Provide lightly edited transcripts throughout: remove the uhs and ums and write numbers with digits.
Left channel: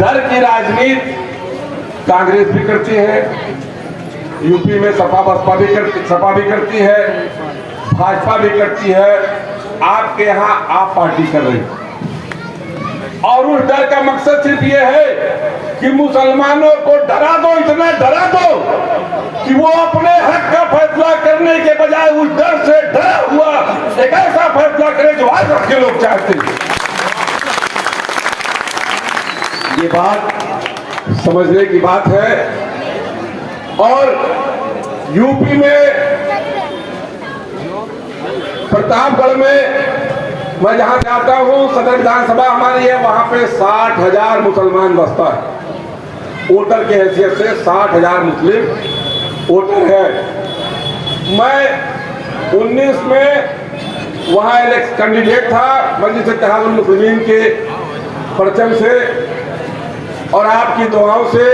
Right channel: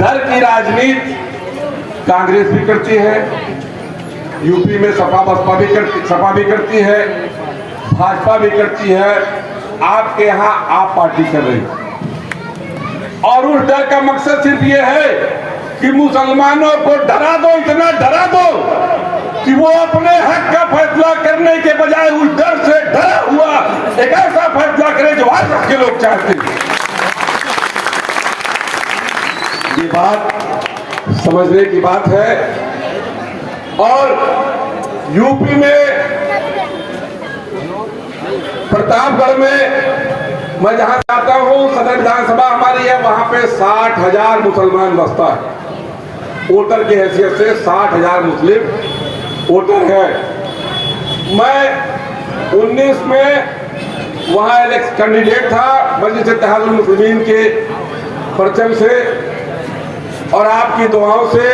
डर की राजनीति कांग्रेस भी करती है, यूपी में सपा भी करती है, भाजपा भी करती है, आपके यहाँ आप पार्टी कर रही है। और उस डर का मकसद सिर्फ ये है कि मुसलमानों को डरा दो, इतना डरा दो कि वो अपने हक का फैसला करने के बजाय उस डर से डरा हुआ एक ऐसा फैसला करे जो आज तक के लोग चाहते हैं। ये बात समझने की बात है। और यूपी में प्रतापगढ़ में मैं जहां जाता हूं, सदर विधानसभा हमारी है, वहां पे 60,000 मुसलमान बसता है। वोटर की हैसियत से 60,000 मुस्लिम वोटर है। मैं 19 में वहां इलेक्शन कैंडिडेट था मजलिस इत्तेहादुल मुस्लिमीन के परचम से, और आपकी दुआओं से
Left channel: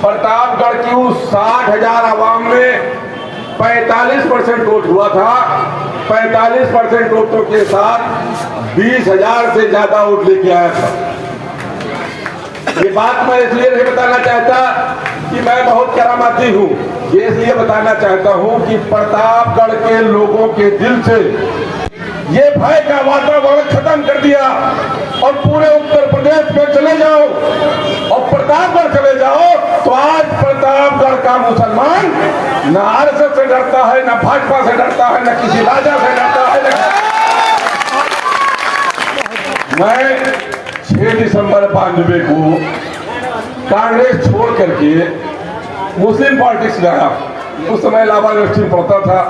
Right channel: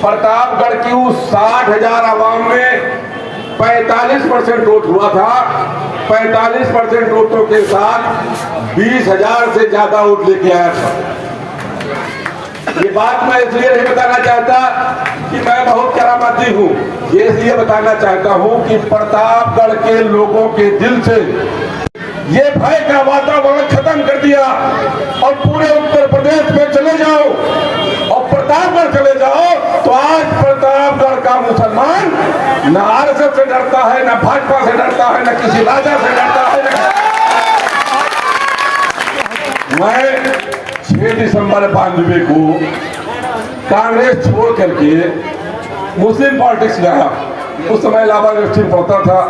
प्रतापगढ़ की उस 60,000 आवाम में 45% वोट हुआ था। 45% वोटों के साथ 20,000 से ज्यादा वोट लेके आया था। ये बात मैं इसलिए नहीं बताना चाहता कि मैं बहुत करामाती हूँ, ये इसलिए बताना चाहता हूँ कि प्रतापगढ़ के लोगों के दिल से ये भय का वातावरण खत्म कर दिया। और पूरे उत्तर प्रदेश में चले जाओ और प्रतापगढ़ चले जाओ तो आज प्रतापगढ़ का मुसलमान न आरएसएस से डरता है, न भाजपा से डरता है, न किसी राजा से डरता है। मैं 6 दिसंबर 92 को कांग्रेस छोड़ करके मुस्लिम पॉलिटिक्स में आया। उस समय इलाहाबाद यूनिवर्सिटी में पढ़ता था,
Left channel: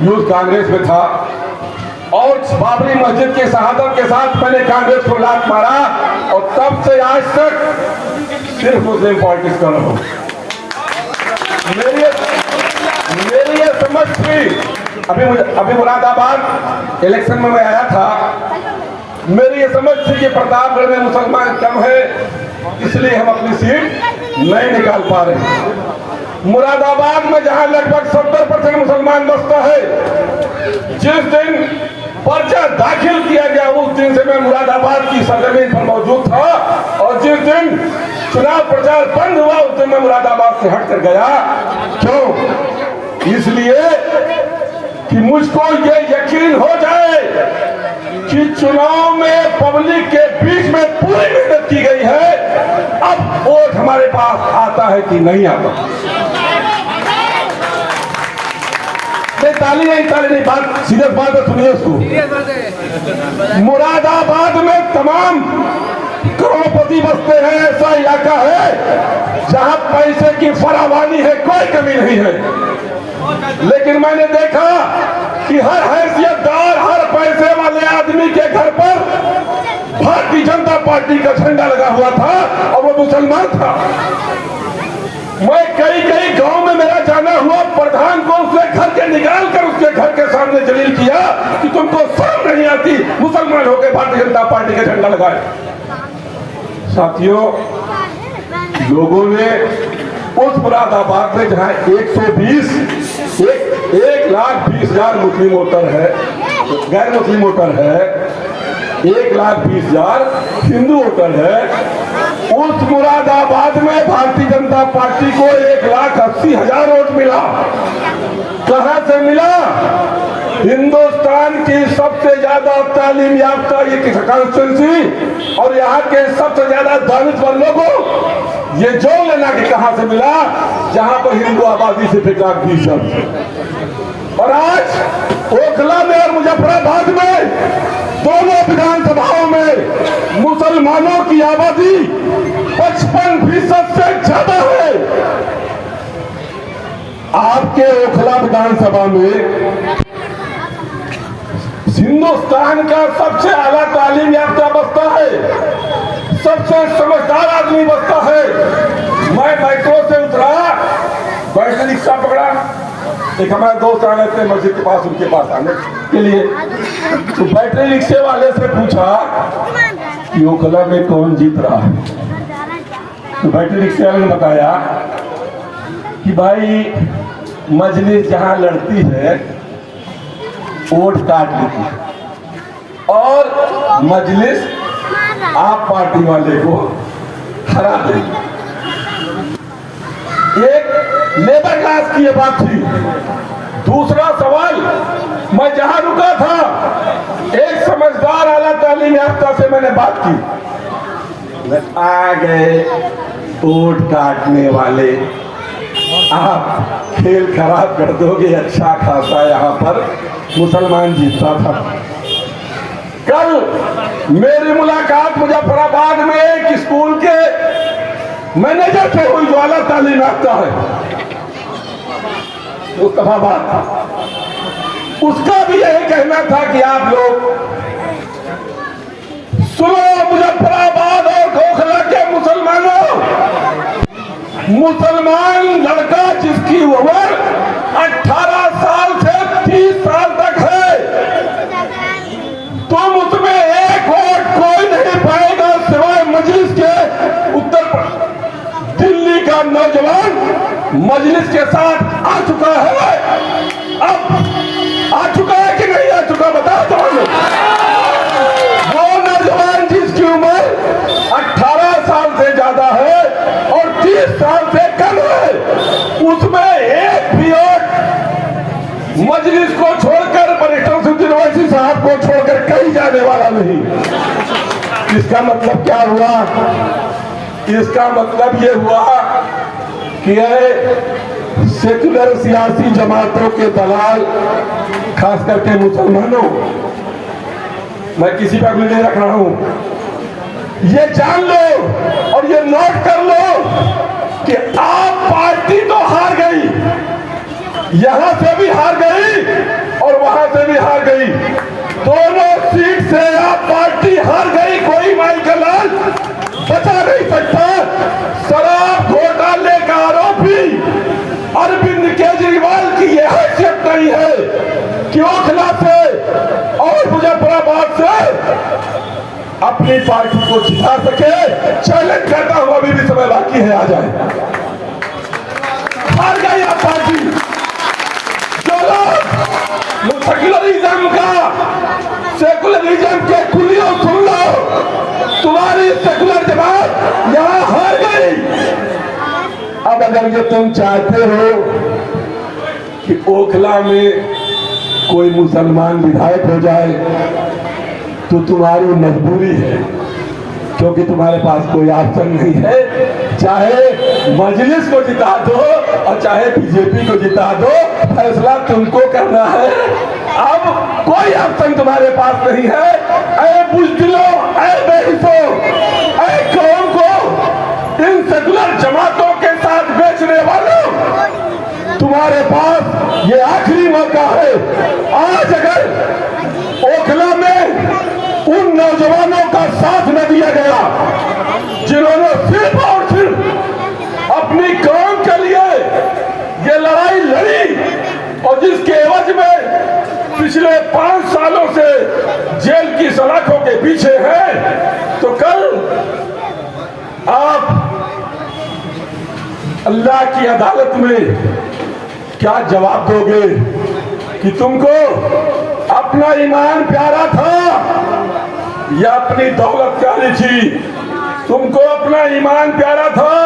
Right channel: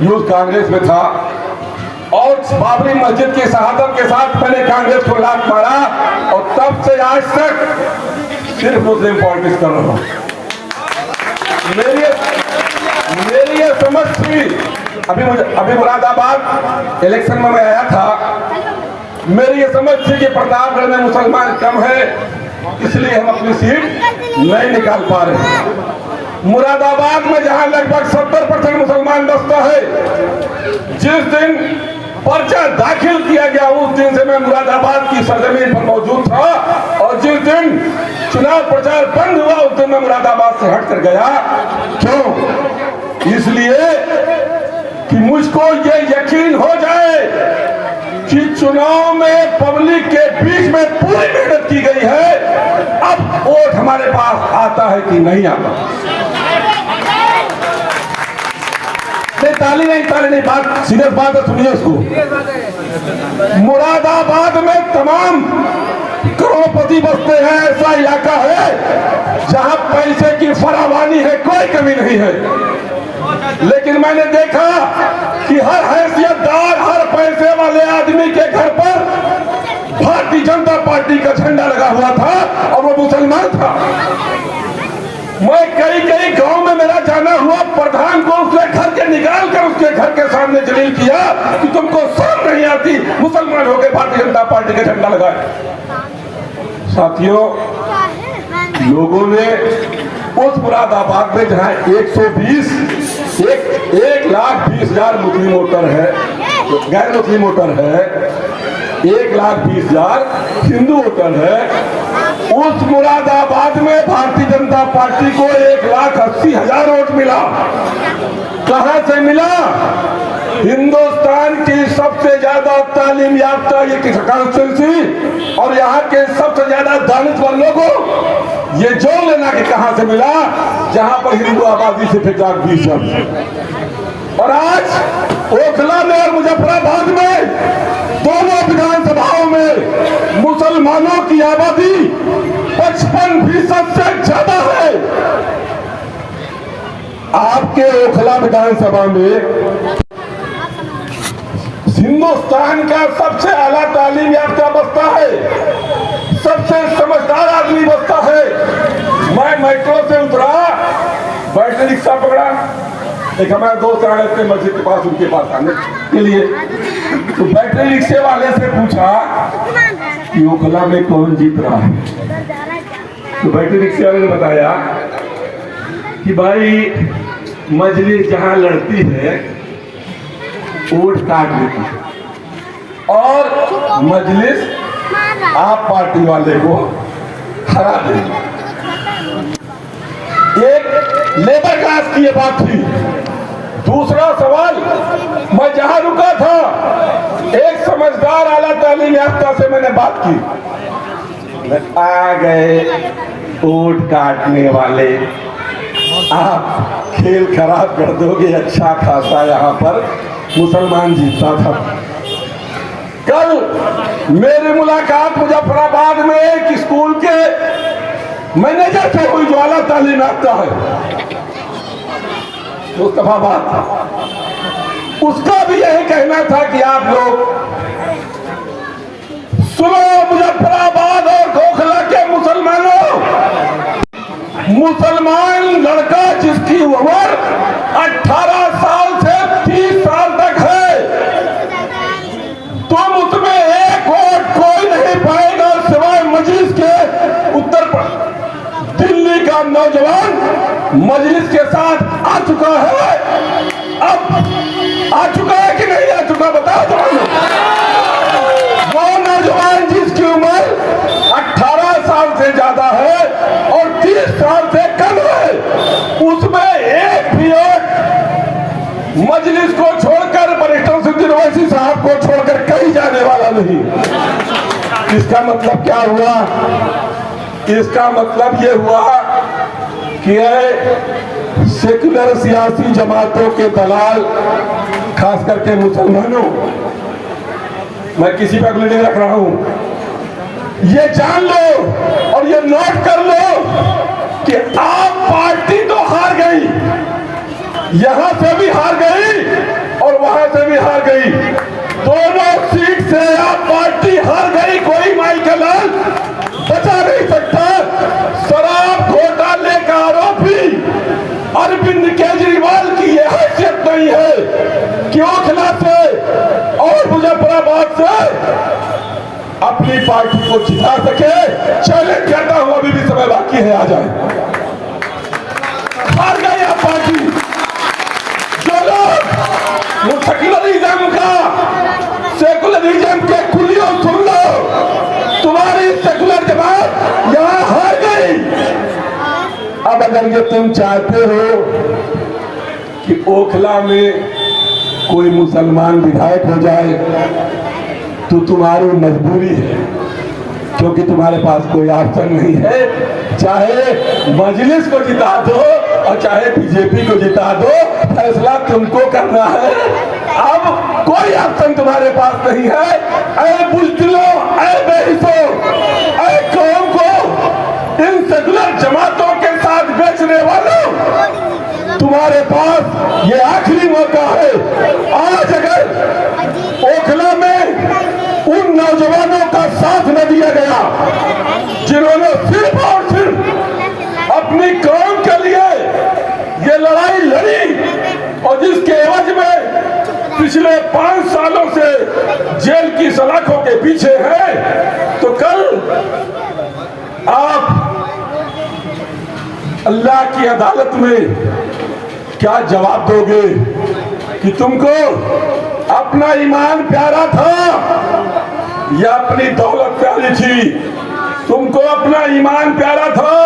यूथ कांग्रेस में था, और बाबरी मस्जिद की शहादत के साथ मैंने कांग्रेस को लात मारा, और तब से आज तक सिर्फ मुस्लिम पॉलिटिक्स कर रहा हूं। मेरी ये समझ थी, अभी मुरादाबाद इलेक्शन में मैं आया था, मेरी ये समझ थी कि प्रतापगढ़ में मुसलमान कम है, इसलिए हम अपनी सीट नहीं निकाल पा रहे। मुरादाबाद में जहां लगभग 70% मुसलमान बसता है, जिस दिन पर्चा दाखिल किया गया उस दिन से मैं मुरादाबाद की सरजमीन पर मौजूद था, और जिस दिन चुनाव प्रचार बंद हुआ उस दिन मैं मुरादाबाद से हट कर गया। क्यों? इसलिए कि मुझको ये यकीन हो जाए कि चुनाव में पब्लिक के बीच में पूरी मेहनत की गई है, अब वोट हमारे पास आता है कि नहीं आता। ताली नहीं, बात सीरियस बात है, सुनिए उसको। मुरादाबाद में तमाम करोड़पति बसते हैं, ऐसा इलाका है जहां पैसे की फरावानी है, कोई कमी नहीं है। लेकिन मैंने देखा कि हर हैसियतदार, हर पैसे वाले आदमी के घर पर भारतीय जनता पार्टी का झंडा लगा हुआ था, और वो मुसलमान था। मैं कई गांव में मेरा जाना हुआ, प्रधान को उसने घर के निकाल कर उसके घर के सामने जलील किया कि तुमको शर्म नहीं आती, मुसलमान हो गए, भारतीय जनता पार्टी का झंडा लगाए। साथियों, लोगों ने उस मुरादाबाद में जहां 1,20,000 मुस्लिम वोटर है, गैर मुस्लिम वोटर है, 1,20,000 हिंदू वोटर है, उस मुरादाबाद में भारतीय जनता पार्टी को 1,80,000 वोट मिला। कहां से मिला? हिंदुस्तान की सबसे ज्यादा तालीम याफ्ता ये कॉन्स्टिट्यूंसी और यहाँ के सबसे ज्यादा दानिशवर लोगों, ये जोड़ लेना कि कहां से मिला, जहां पर हिंदू आबादी से 1,20,000। और आज ओखला में और मुजफ्फराबाद में दोनों विधानसभाओं में मुसलमानों की आबादी 55% से ज्यादा है। आपके ओखला विधानसभा में हिंदुस्तान का सबसे आला तालीम याफ्ता बसता है, सबसे समझदार आदमी बसता है। मैं मेट्रो से उतरा, बैटरी रिक्शा पकड़ा, एक हमारा दोस्त आ रहे थे मस्जिद के पास, उनके पास आने के लिए, तो बैटरी रिक्शे वाले से पूछा कि ओखला में कौन जीत रहा है। तो बैटरी रिक्शे वाले ने बताया कि भाई मजलिस जहां लड़ती है वोट काट लेती है, और मजलिस आप पार्टी वाले को हरा देंगे। एक लेबर क्लास की ये बात थी। दूसरा सवाल, मैं जहां रुका था एक समझदार आला तालीम याफ्ता से मैंने बात की। आ गए वोट काटने वाले, आप खेल खराब कर दोगे। अच्छा खासा यहाँ पर मुसलमान जीतता था। कल मेरी मुलाकात मुजफ्फराबाद में एक स्कूल के मैनेजर से हुई जो आला तालीम याफ्ता है, मुस्तफाबाद। उसका भी यही कहना था कि आप लोग सुनो, मुजफ्फराबाद और गोखला के मुसलमानों, मुसलमान लड़का जिसकी उम्र 18 साल से 30 साल तक है, तुम उसमें एक वोट कोई नहीं पाएगा सिवाय मजलिस के। उत्तर दिल्ली का नौजवान मजलिस के साथ आ चुका है। अब आ चुका है कि नहीं आ चुका, बताओ तो। वो नौजवान जिसकी उम्र 18 साल से ज्यादा है और 30 साल से कम है, उसमें एक भी वोट मजलिस को छोड़कर, बरिस्टर ओवैसी साहब को छोड़कर कहीं जाने वाला नहीं। इसका मतलब क्या हुआ? इसका मतलब ये हुआ कि सेकुलर सियासी जमातों के दलाल, खास करके मुसलमानों, मैं किसी पर भी नहीं रख रहा हूं, ये जान लो और ये नोट कर लो कि आप पार्टी तो हार गई, यहां से भी हार गई और वहां से भी हार गई। दोनों सीट से आप पार्टी हार गई। कोई माई का लाल बचा नहीं सकता। शराब घोटाले का आरोपी अरविंद केजरीवाल की यह हैसियत नहीं है कि ओखला से और मुजफ्फराबाद से अपनी पार्टी को जिता सके। चैलेंज करता हूं, अभी भी समय बाकी है, आ जाए। हार गई आप पार्टी। जो लोग सेकुलरिज्म का, सेकुलरिज्म के कुलियों सुन लो, तुम्हारी सेकुलर जमात यहां हार गई। अब अगर ये तुम चाहते हो कि ओखला में कोई मुसलमान विधायक हो जाए तो तुम्हारी मजबूरी है, क्योंकि तुम्हारे पास कोई ऑप्शन नहीं है। चाहे मजलिस को जिता दो और चाहे बीजेपी को जिता दो, फैसला तुमको करना है। अब कोई ऑप्शन तुम्हारे पास नहीं है। ऐ बुजदिलों, ऐ बेहिसों, ऐ कौम को इन सेकुलर जमातों के साथ बेचने वालों, तुम्हारे पास ये आखिरी मौका है। आज अगर ओखला में उन नौजवानों का साथ न दिया गया जिन्होंने सिर्फ और सिर्फ अपनी कौम के लिए ये लड़ाई लड़ी और जिसके एवज में पिछले 5 सालों से जेल की सलाखों के पीछे है, तो कल आप अल्लाह की अदालत में क्या जवाब दोगे कि तुमको अपना ईमान प्यारा था या अपनी दौलत प्यारी थी? तुमको अपना ईमान प्यारा था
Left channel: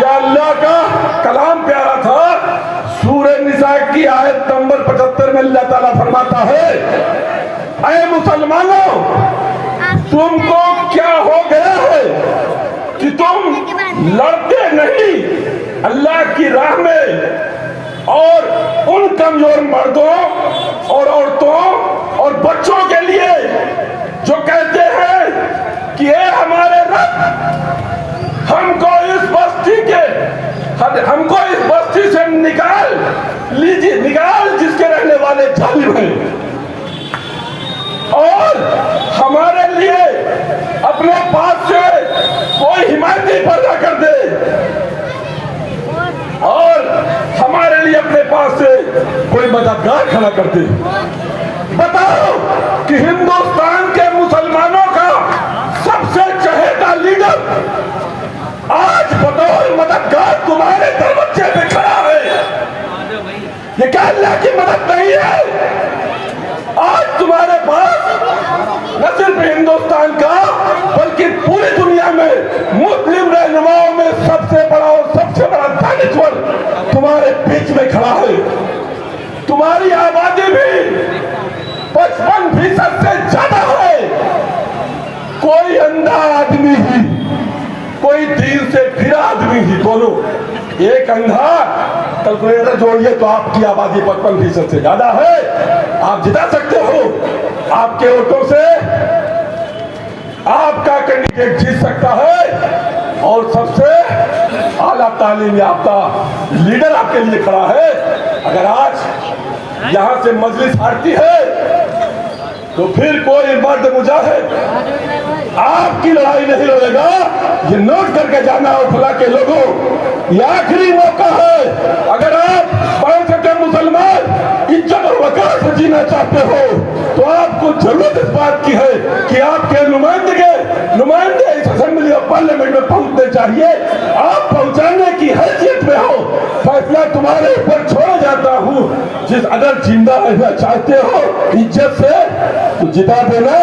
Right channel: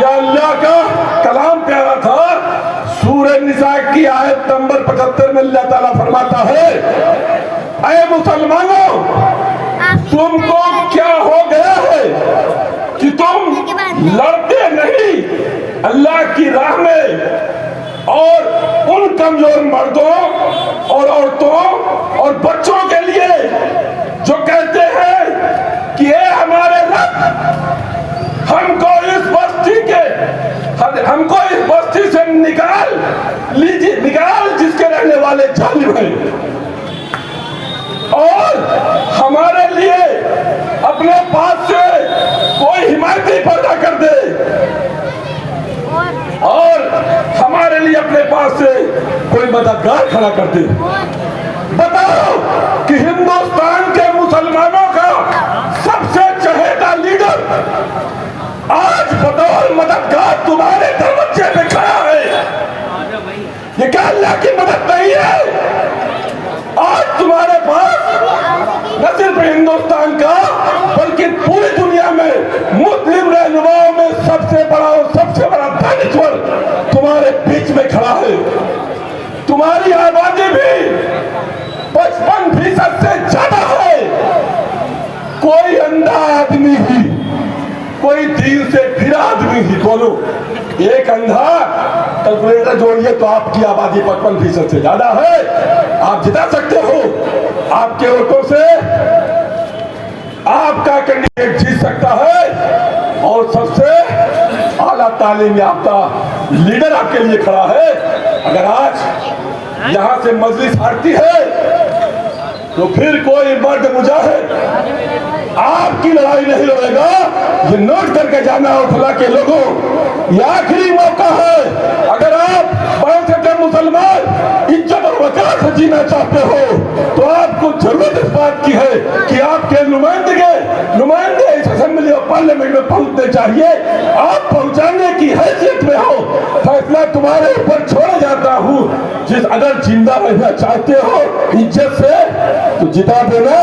या अल्लाह का कलाम प्यारा था? सूरह निसा की आयत नंबर 75 में अल्लाह ताला फरमाता है, ऐ मुसलमानों, तुमको क्या हो गया है कि तुम लड़ते नहीं अल्लाह की राह में और उन कमजोर मर्दों और औरतों और बच्चों के लिए जो कहते हैं कि ये हमारे रब हमको इस बस्ती से निकाल लीजिए, निकाल जिसके रहने वाले जालिम हैं, और हमारे लिए अपने पास से कोई हिमायती पैदा कर दे और हमारे लिए अपने पास से कोई मददगार खड़ा कर दे। बताओ कि हिंदुस्तान के मुसलमानों का सबसे चहेता लीडर आज बतौर मददगार तुम्हारे दरवाजे पे खड़ा है। ये क्या अल्लाह की मदद नहीं है? आज तुम्हारे पास न सिर्फ हिंदुस्तान का कोई 3 से फिर आदमी ही बोलो, एक अंधा कैलकुलेटर जोड़िए तो आपकी आबादी 55% से ज्यादा है। आप जिता सकते हो, आपके वोटों से आपका कैंडिडेट जीत सकता है और सबसे आला तालीम याफ्ता लीडर आपके लिए खड़ा है। अगर आज यहां से मजलिस हारती है तो फिर कोई मर्द मुजाहिद आपकी लड़ाई नहीं लड़ेगा। ये नोट करके जाना और फला के लोगों, ये आखिरी मौका है। अगर आप 5 मुसलमान इज्जत और वकार से जीना चाहते हो तो आपको जरूरत इस बात की है कि आपके नुमाइंदे इस असेंबली और पार्लियामेंट में पहुंचने चाहिए। आप पहुंचाने की हैसियत में हो, फैसला तुम्हारे ऊपर छोड़ जाता हूं। जिस अगर जिंदा रहना चाहते हो इज्जत से तो जिता देना।